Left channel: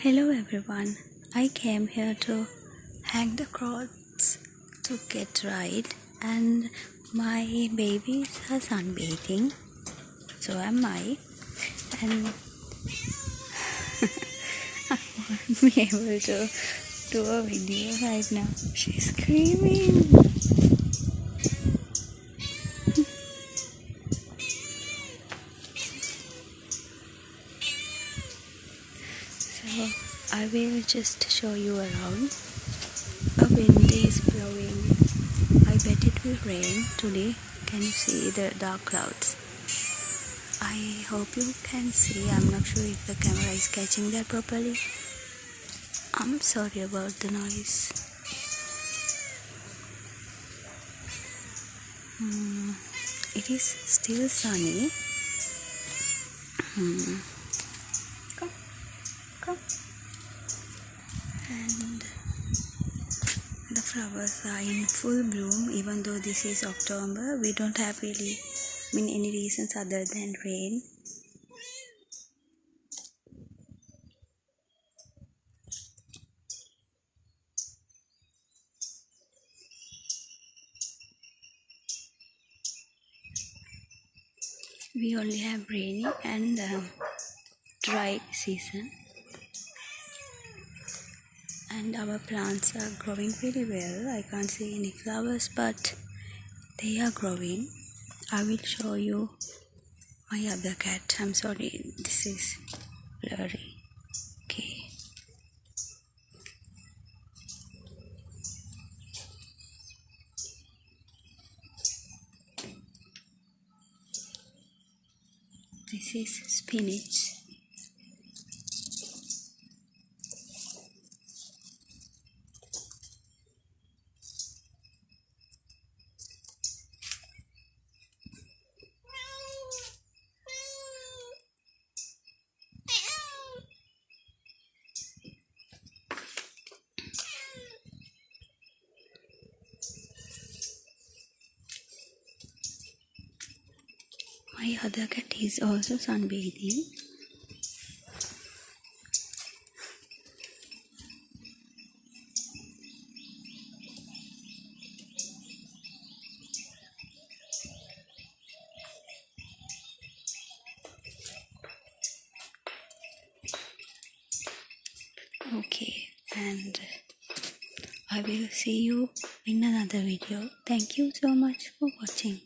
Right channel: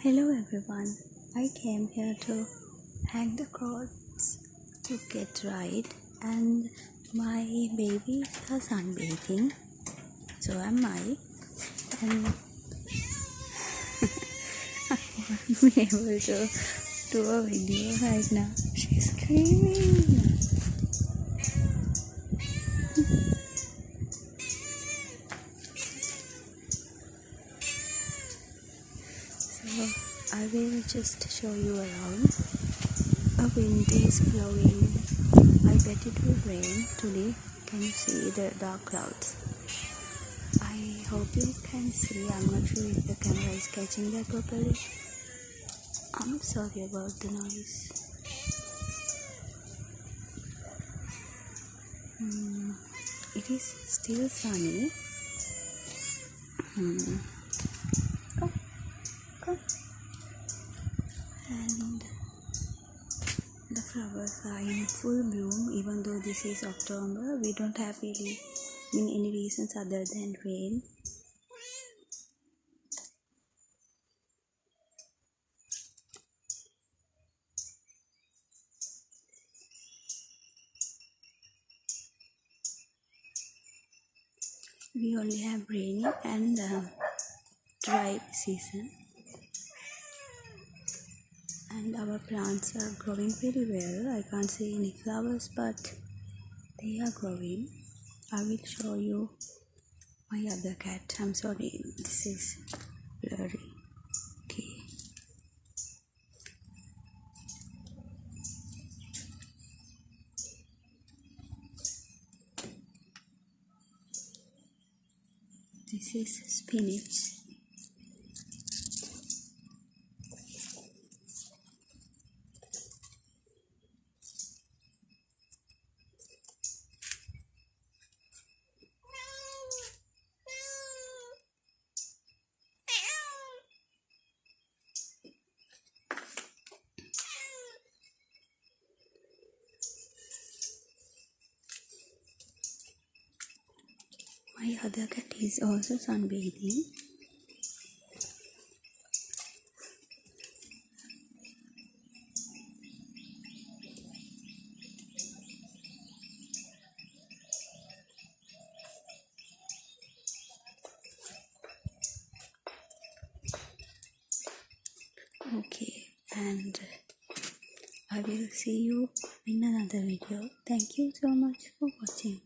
Hello everyone. I came here to hang the clothes to get dried, and my babies are sunbathing. So am I, and I won't be able to do a video right now. She's screaming. So I will just show you around. A wind is blowing. I bet it will rain today. Can you see the dark clouds? I hope you can see. I'm not sure if the camera is catching that properly. I'm sorry about the noise. It is still sunny. Come, come. And the flowers are in full bloom. Even though this is October, we don't have really any reasons other than rain. We only have rainy and dry season, and our plants are growing really well. I can't see any flowers, but they are growing. I will show you my other cat. I'm sorry, this is blurry. Okay. This is spinach. My other cat is also sunbathing. Okay, and I will see you in another video. Thank you so much for watching.